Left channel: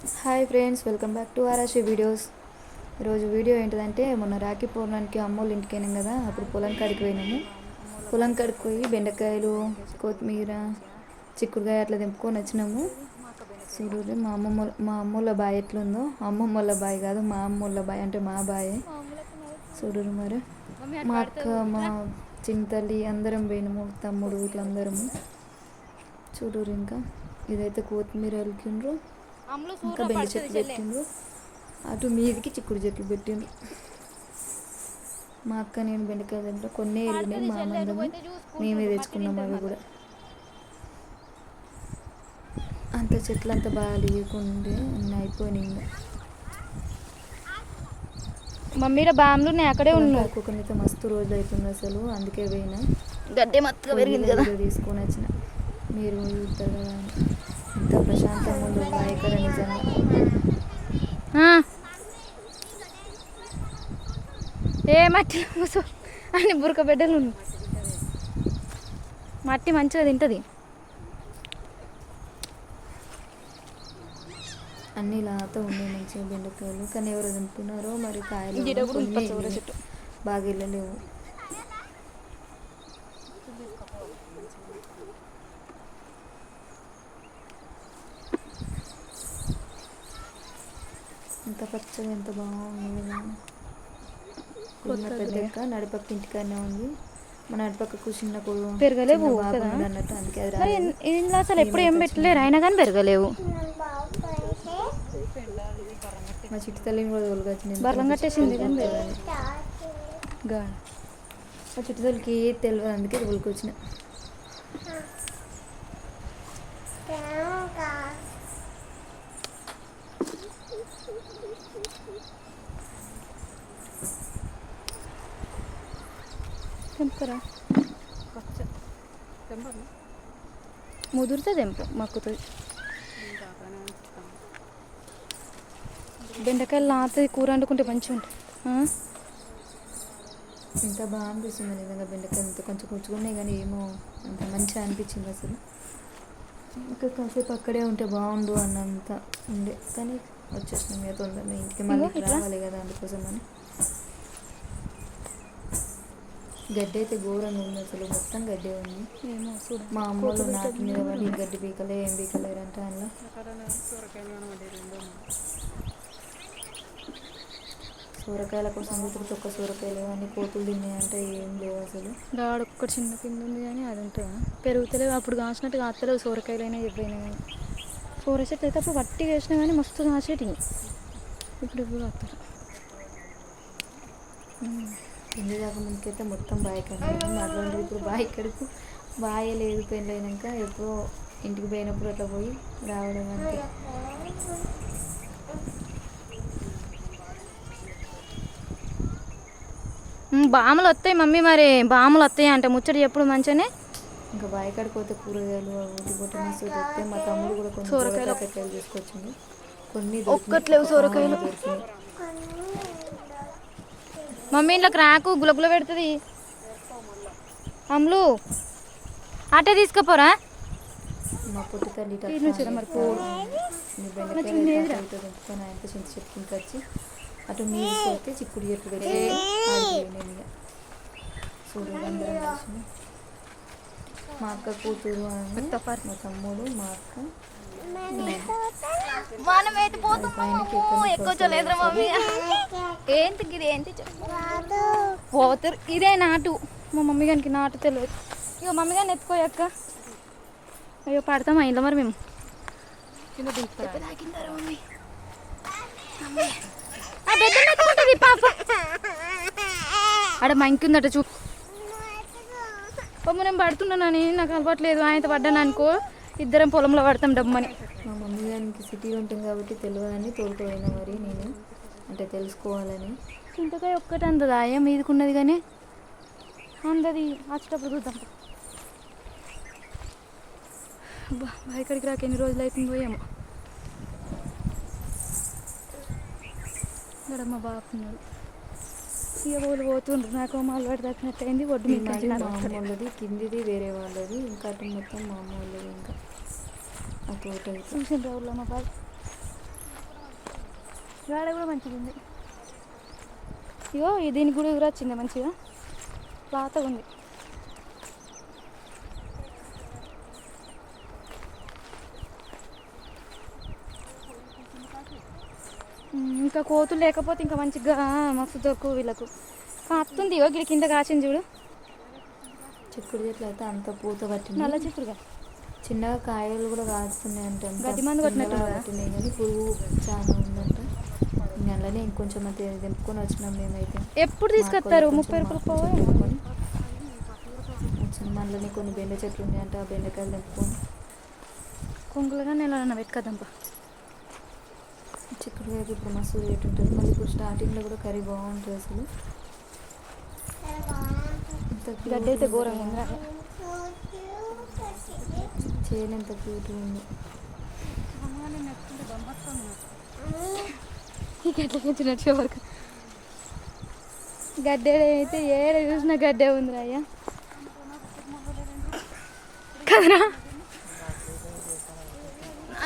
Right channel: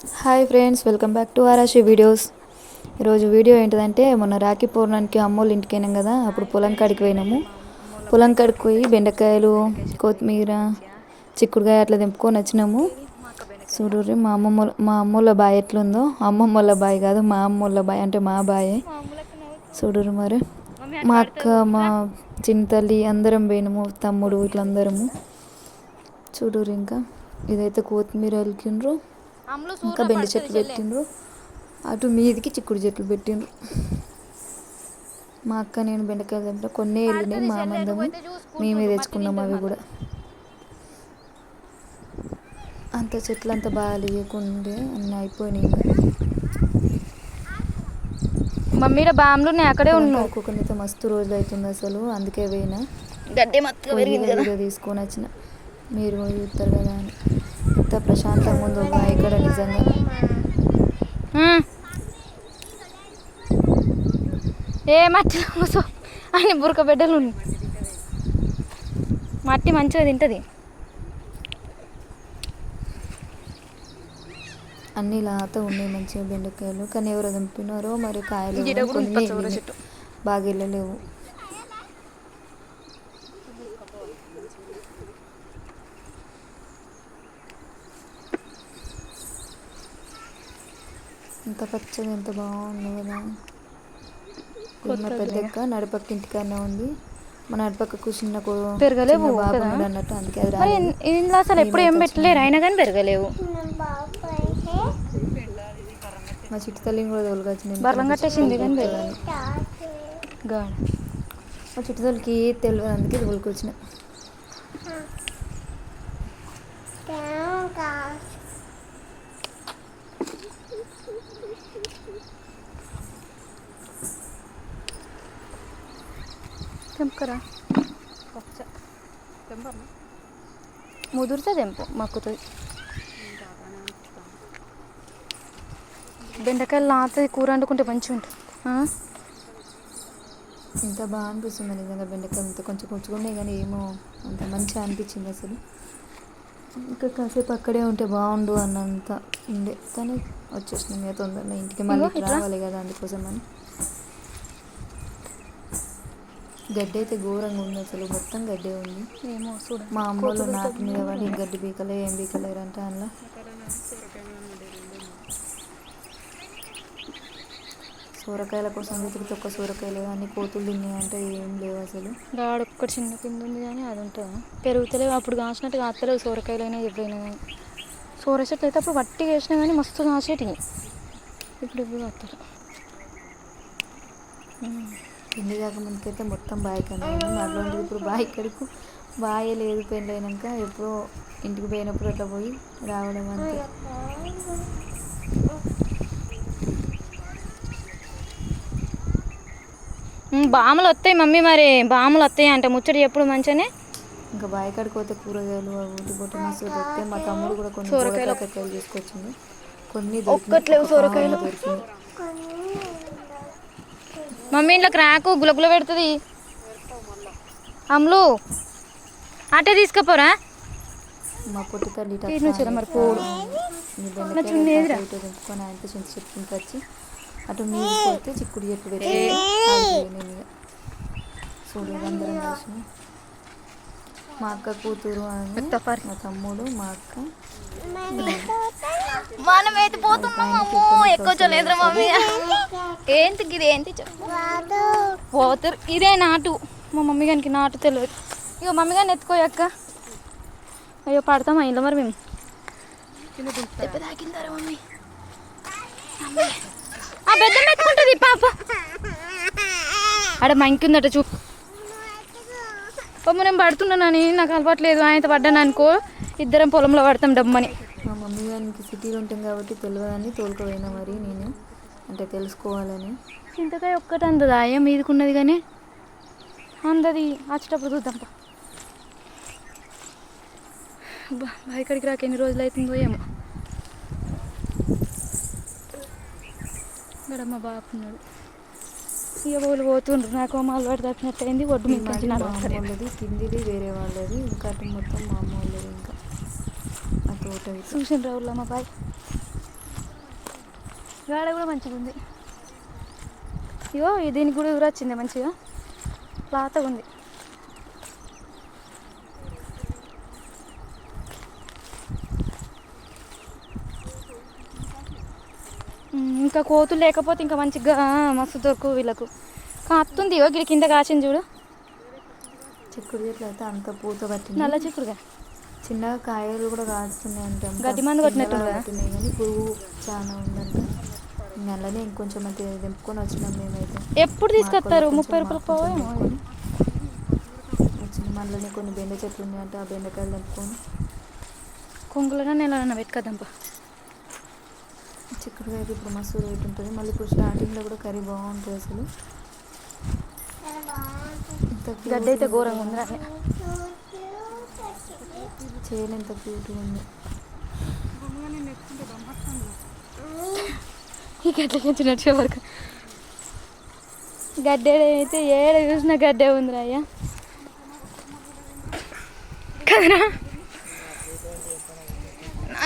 Hi friends welcome back to Arashi videos. ఈరోజు video ఏంటిదంటే మొన్న రాఖీ పౌర్ణానికి అమ్మోళ్ళ ఇంటికి వెళ్ళాం కదా అప్పుడు పొలం కాడికి పోయినాము. పొలం కాడికి పోయి బెండకాయలు కొత్తిమీర చిక్కుడుకాయ అట్లా తెంపుకొని వచ్చినాము. చూడుర్రి మా అమ్మమ్మ మా అమ్మోళ్ళ బాయ్ ఎట్లుందో. అమ్మమ్మోళ్ళ బాయ్ కాదు మా అమ్మోళ్ళ బాయ్ అంటే మా బాయే. చూడుర్రి మరి. మా అక్క మా చిన్న తల్లి అందరం పోయినాము తమ్ముడు ఇట్లందరము అందరము ఇంకా. ఇదైతే కొత్తిమీర వెళ్ళిండ్రు ఇంకా బెండ చెట్లు పెట్టిండ్రు అటు మీదికి చిక్కుడు చెట్లు పెట్టిండ్రు మా అక్క నేను బెండకాయలు తింటా. కొన్ని వెళ్ళినాయి మా మందము మేమే తెచ్చుకున్నాం అవి కూడా. అంత చెట్లు అంతా బాగా లేకుండే అన్నీ అయిపోయినాయి మమ్మీలో బామ్లు ఉన్నాయి అక్కడే ఉన్నావు ఒక్కొక్కనైతే మస్తు రోజులు అవుతుంది అసలు అందుకే పోయినా. గడ్డి మత్తుగా పెరిగింది కదా. వీడియో తీసుకొని వచ్చిన. మీరు చూస్తారు కదా అని. ఎంత ప్రశాంతంగా ఉందో ఇక్కడ నిజంగా. ఏ మట్టి కూసో అని బురక బిడ్డలు మట్టి మంచిగా తింటుంది. అన్ని లాత ఉన్నాయి మంచిగా బెండకాయలు. కానీ ఎవరు దింపినారో మరి కాయలు ఇది ఈడ కూడా ఉంది కొన్ని పచ్చ ఊర వెళ్ళినాయి. చెట్టు. బాగా వెళ్ళలేవు ఎంత పచ్చగా ఎంత బాగుంది కదా. పెద్దక్క నడిపక్క ఇంటికన్నా ఉంది. మన నడిపక్కకు చిన్న కో- పెరగలేవు అన్నట్టు అందుకే మరి. ఇంట్లో అసలు ఎప్పుడు ఏం పెట్టలేరు? అయినా కానీ పెరగలేవు. మా చుట్టు తల్లిని కూడా తోలుకొచ్చింది బర్లం కట్టేసింది కానీ మా చుట్టు తల్లికి తెలియదు అందుకే తోలుకొచ్చిన తెంపుకరా ముదిరితే తెంపు మక్కుతుంది. బెండకాయలు నాతది కూర వండుకుంటే మంచిగా ఉంటుంది? ఎంత బాగా అనిపిస్తుంది నిజంగా బెండకాయలు ఇంత కొంచెం కొంచెం కానీ ఏమో అంత మంచిగా అనిపించింది అసలు. ఇంకా కాసేపు అక్కడే ఉంటే బాగుండు అన్నంత ఉండే. కానీ వచ్చేసినాం తొందరగా ఇంటికి మళ్ళీ. రావాలి కదా అందుకోసం అని గడ్డి అయితే ఘోరంగా ఉంది అసలు. మొత్తం గడ్డే ఉంది. ఏమో చూడ. మా అమ్మోళ్ళు నాటి మీద. పడి గడ్డి పీకలే ఏం పీకలేరంట అందులో సూరకాయల కోసం వెతికితే ఒక్క సూరకాయలు కానీ కోతులు తిన్నాయంటే ఏం లేవు అసలు. రాడు ఒక్కటి చిన్న కింద ఉంది కానీ అది ఉంటుందా? పెరుగుతలేవు అప్పుడు కాసినట్టు కాస్తలేవు సోరకాయలైనా ఎప్పుడైనా కానీ. సోర చెట్లు అయితే అప్పుడు వట్టిగా వేసినా కానీ మస్తు కాసేటివి. ఇప్పుడు ఇప్పుడు కాస్తారు పెళ్ళి కాకముందుకైతే మొత్తం బాయ్ కన్నా అట్లాంటిది ఇప్పుడు బాయ్ ఇక్కడికి బాయ్ లేదు పెళ్ళి అయినాక ఎప్పుడో ఇంటికి పోయినప్పుడు అట్లా పోయి రావడం అంతే. బాములు వస్తాయి మమ్మీ మరి. బాములు వస్తాయి అంటే. ముచ్చటి ఎప్పుడు మంచిగానే. ఇంకా బాయ్ కాడికి పోతే కూరగాయలు అవి పోతే మస్తు దొరికితే మా తమ్ముడు కూడా కొన్ని సొరకాయలు. సొరకాయలు తీసుకొచ్చింది కొన్ని ఒక్కట్లేవు సొరకాయలు. దొరికినాయి. మమ్మీ ఇంట్లోకి రాకు గులగుల పెడుతుంది అమ్ములు అటే తీసుకుపోరా మా పొట్టి తల్లి మరి పోడు. అటు తెంపుకొని చెట్టు వచ్చి పోతే చిక్కుడు చెట్లు పెట్టి ఆగిపోయినాయి ఇక. చూడు అందరం కలిసి మా అక్క కూతురు ఎత్తపారి. మా తమ్ముడు మా అక్క మనం అయితే అమ్మో ఎక్కువ చూడలేదురా మమ్మీ ఏంటి ఇది ఏంటి పోతారు ఇదే నాటు. మా మమ్మీ గారికి నాటు తెలియదు. ఇక మమ్మీ గారిని ఎత్తుకోయక్క అయ్యో పడతామా ఇంట్లో మరి మేము. దెబ్బ తాకిందారా మమ్మీ. ఆ బెడ్ ఎత్తుకుంటుంది పాప. ఆడ మంకి ఉందట చూ పాప నేను పడుతున్నానని నాకు అలవాట్లేదు ఆయనతో పడ్డాను అనుకో. ఇద్దరం పొలంలో పడతాం డబ్బని మా మమ్మీ గారికి సిటీలో ఉంటాం కాబట్టి తెలియదని తోలుకుపోయినా మరి నేను అంటే తెలుసుకోవాలని. చింతకాయ ఒక్కటి అందదా? ఏం మీదకున్నది కానీ అందది. వచ్చేటప్పుడు చూద్దాం అబ్బా ఇక్కడికి రాక ఎన్ని రోజులు అవుతుందో ఏమో. ఇక్కడ మా బాపున్నాడు. ఇక వాళ్ళు పోతుండ్రు. నాకు మా అలవాటు తప్పినట్టు అయింది ఒడ్డు మీద అమ్మ. వాళ్ళది కిందిది వేరే వాళ్ళది ఇంకా మొత్తం మా అమ్మ వాళ్ళది ఇంకా. ఆ తోట ఇట్లా చూసిండ్రా ఊళ్ళో మా బాయ్. వేడ కూడా మంచిగా ఉంది. ఇగో దీనికి కూడా ఊరు వచ్చింది మంచిగా? లాతగా ఉంది. ఇంకా కోతులు లేకపోతే ఇంకా మంచిగా మస్తు దొరుకు వీళ్ళకు. ఇగో గిడి కింద కాసింది చూడు. చిక్కుడు చెట్లు అయితే అంత పూత పట్టింది. నల్ల చిక్కుడుగా. చిన్నగా కాయలు కూడా కాస్తున్నాయి అంటే. గడ్డి మందు? పట్టినాయి కానీ పురుగు చాలా ఉందంట. అలానే ఇంకొంచెం అంతే తెంపుకొని వచ్చినాం మేమైతే. ఎప్పుడు తీసుకొస్తారు? ముప్పై రూపాయలు మాకు కొంచెం పోవా తెంపుకొని. వచ్చిన మనలోనే కొన్ని బెండ చెట్లు ఉన్నాయంట ఆ బెండకాయలు తెంపుకొని. కుంగులనే నెల పెట్టుకదంప చిక్కుడుకాయకి ఇప్పుడు మస్తు రేట్ ఉంటుంది. మళ్ళీ ఇప్పుడు స్టార్టింగ్లో కూడా కర్రీ బాగుంటుంది అసలు. గడ్డి అయితే ఘోరంగా ఉంది. చేను ఎంత క్యూట్గా ఉంది. ఈ గడ్డ పెంచినట్టు వరకు. గడ్డే అయితే ఏడ చూసిన గడ్డే ఉంది అయ్యా. కదరా?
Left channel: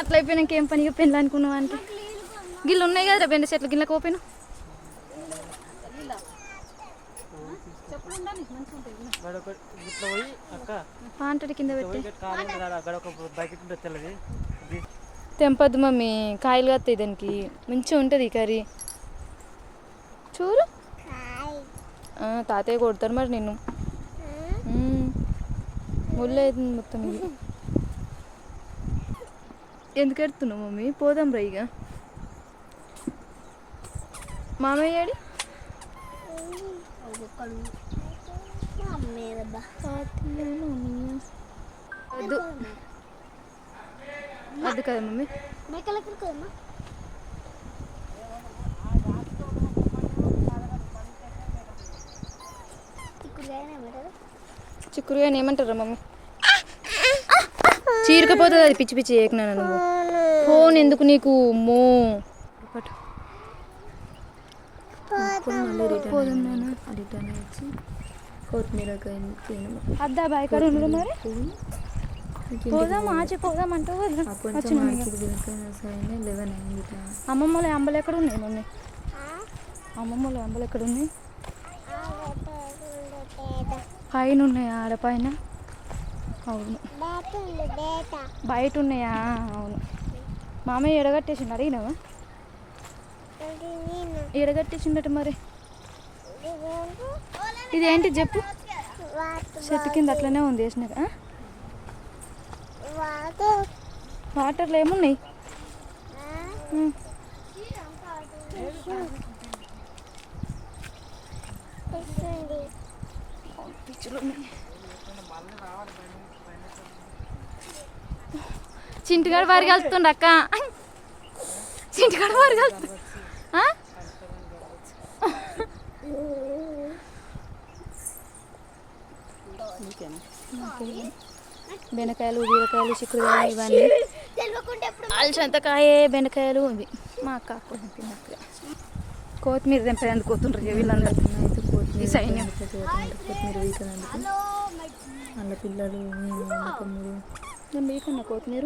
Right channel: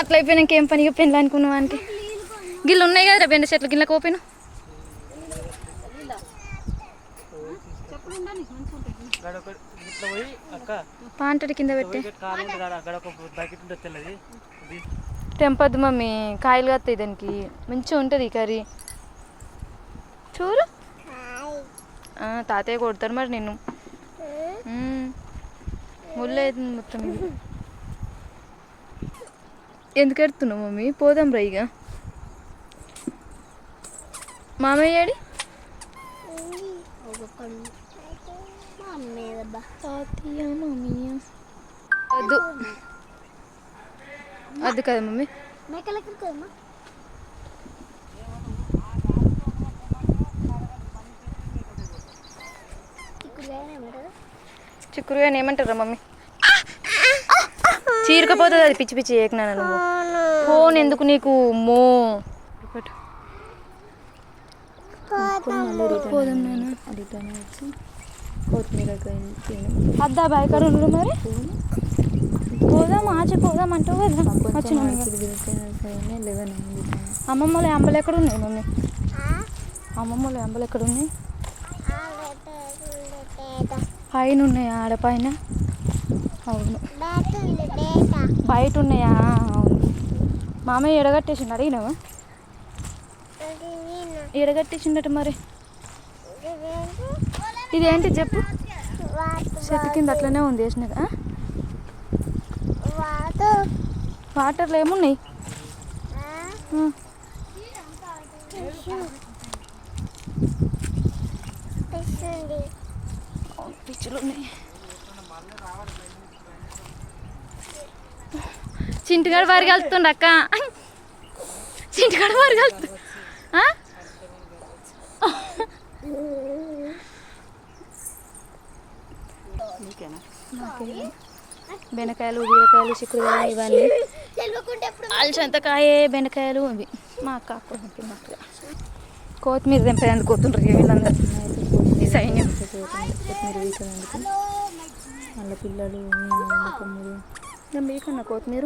అట్లా అయిపోయినాక ఏం పని పెళ్ళి అనుకున్నావు అంటే? గిళ్ళు ఉన్నాయి కదా బెండ చెట్లు గిన్నె ఓపెన్ పాంటడి కింద పెట్టి. తెంపద్దు మమ్మీ కాయలు కత్తాయి దానికి. మంచిగా ఉంటుంది ఈ కర్రీ. చూడు. తాతయ్య కొడతారు మరి నిన్ను. ముళ్ళు అవుతుంది మొత్తం ఇది. ఎందుకు ఎడుతున్నావు మమ్మీ? పోదాం రా ఇక. మామయ్య తాతయ్య మామయ్య వద్దు. వద్దు కదా మమ్మీ. చిక్కుడుగా ఏమంటారా మమ్మీ? చీరకపోతుంది అది పిచ్చి పిచ్చి నువ్వు. ఫోన్ ఎందుకు నీకు మో? కొన్ని మళ్ళీ రిటర్న్. రిటర్న్ వచ్చి కొత్తిమీర అద్దా బాయ్ కాడ మరి? పోదాం ఆచి పోదాం అంటావు కదా. వచ్చినాం లెవెన్ అయింది. అమ్మమ్మల అంబలు ఎక్కడ ఉన్నాయి మమ్మీ అమ్మమ్మల అంబలు ఎక్కడ ఉన్నాయి పైన ఉన్నాయా? ఆడ పైన? అవును. బయట ఉన్నాయా? అవును. మామయ్య ఎడగట్టేసిండు అడిగినావా? ఎడగట్టేసిండట మరి. ఇదేంటి చెప్పు? చెట్టు కింద అట్లనే ఉంది వేసినాక ఆ? వాటర్లో ఏమున్నాయి? ఉన్నాయి చింటిగాడు వారికి వెళ్తుండ అక్క. చింటిగాడు వారికి వెళ్తుంది బెండకాయలు బీరకాయలు చిక్కుడుకాయలు ఇవన్నీ. అలసంతకాయ బెండకాయలు ఇవి. మా అక్క తిన్నట్టుగా కొత్తిమీర వీళ్ళందరూ అయితే కొత్తిమీర సైన్యం. కొత్తిమీర వీకనందుకు వాళ్ళ పిల్లలు మేము తమ్ముడు నేను మీకన్నా కొత్తిమీర?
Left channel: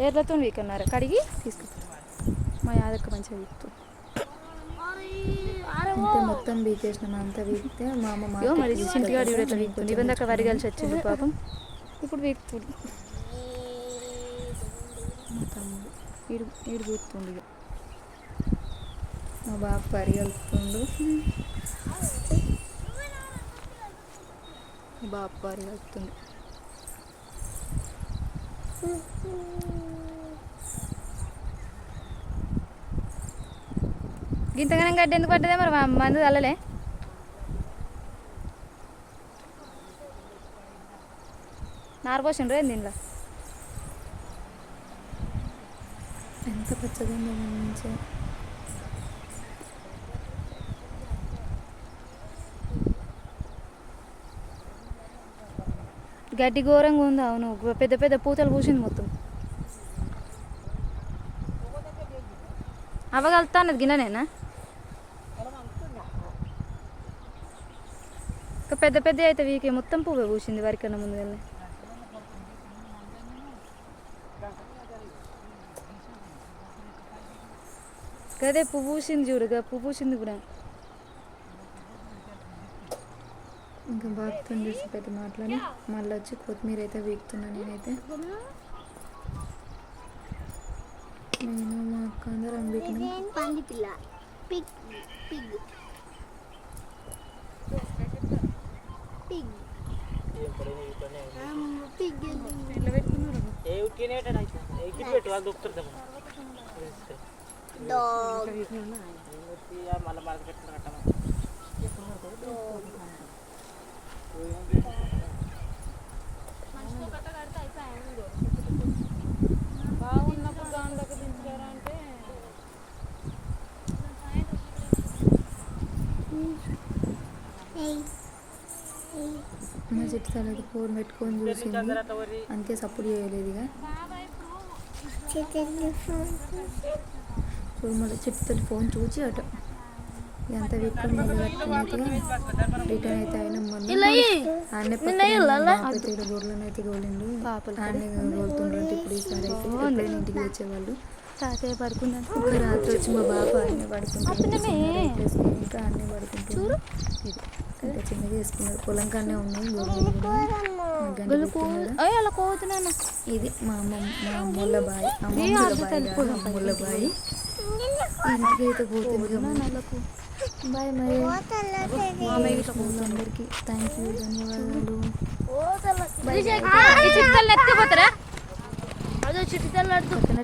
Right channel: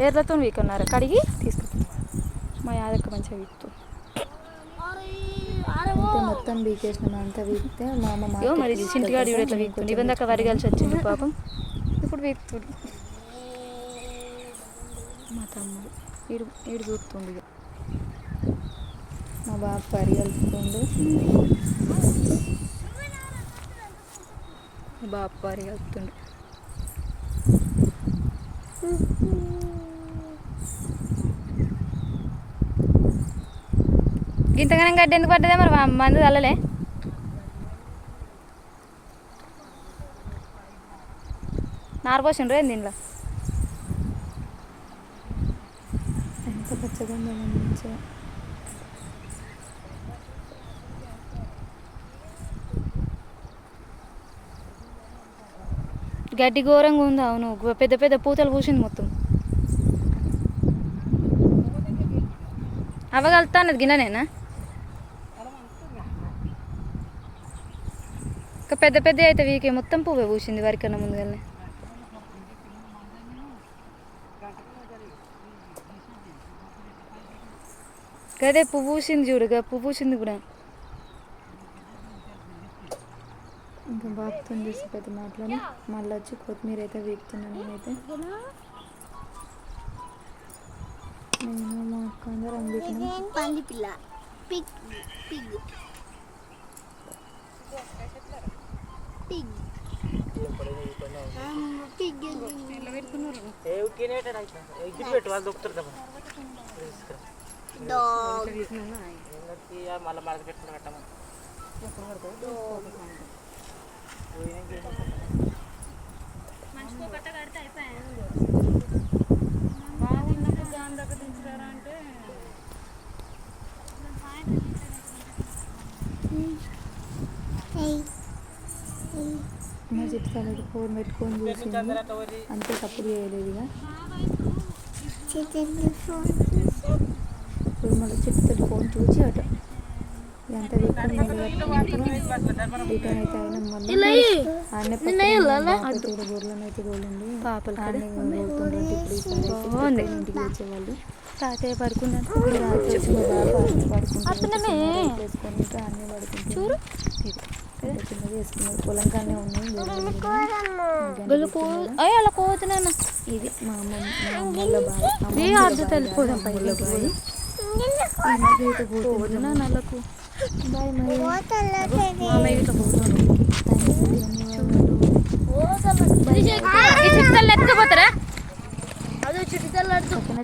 ఏర్లతో వీకన్నారు కడిగి తీసుకుంటాం మా యాదక్క మంచిగా వీకుతుంది అంతే మొత్తం వీకేసినాం అంతా వీకితే మా అమ్మ మరి. ఇట్లా నేను వీక్తుంది ఇవన్నీ దాకా వరి కలిసి వచ్చింది పాపం. ఇప్పుడు వీక్తుంది మా తమ్ముడు ఈడు ఈడు చూస్తుంది మా బాబు పరిగెలుతుండు బాబు వారి ఇంతగానం గడ్డి ఎందుకు పడ్డదే మరి? మందు చల్లలే నారు పోసిండ్రు ఏంది దీనిలో ఎంత పచ్చగా ఉందో మన మంచిగా గడ్డి ఘోరంగా ఉంది అవును. పెద్ద పెద్ద పూతలు పూసింది మొత్తం. అవగలుగుతా అన్నది గిన్నెనేనా? పెద్ద పెద్ద అయితే వీకే మొత్తం పువ్వే పూసింది వరికన్నా ముందుగానే. అదే పువ్వు పూసింది చూడుగా పువ్వు పూసింది కూడా ఇంకా బాగుతుంది చూసి పెద్ద మాటలని మళ్ళీ వచ్చి కొత్తిమీర అయితే వీక్తున్నా నేనైతే. నేను మా అక్క అందరం వీకినాం. పిగ్ పిగ్ పిగ్ ఏం ఉట్టినే ఎగ్గిట్ పెట్టు వాళ్ళు దొక్కుతారు డాగ్ మళ్ళీ మడత పెట్టుకుని కట్టమా బాగున్నప్పుడు దాని దగ్గర దించుతారా అంటే తలకి ఫోన్ పెట్టుకొని చూసింది. అంతే సపోర్ట్ చేయలేదు ఇక. ఇప్పుడు మళ్ళీ చెట్టు తల్లి ఫోన్ చూసి అట. ఎంత రిటర్న్ అయితే అయినా పక్కన గొర్రెలను అయితే తోలిండు. ఆడనే తోలుతుండ్రంటే ఇప్పుడు ఈసారి అయితే ఇంటికి తెచ్చేవాళ్ళు. తాతయ్య పడుకున్నాను ఇప్పుడు రాత్రి వచ్చి మా బాబు పడుకుంటున్నాడు. వేసుకొని ఇంకా ఆడనే పడుకుంటున్నాడు. ఇంత చిన్నగా వేసుకున్నాడు. పొలం కానే ఉన్నాయి ఇది మా అమ్మ మా అమ్ముల బాయ్ అమ్మమ్ముల బాయ్ కాదు, అమ్ముల బాయ్ ఇంటికి అయితే పోతుంది. నల్లకు బాయ్ మరి. మామయ్య థ్యాంక్ యూ ధన్యవాదాలు. అదో చిట్టుతల్లి పక్కన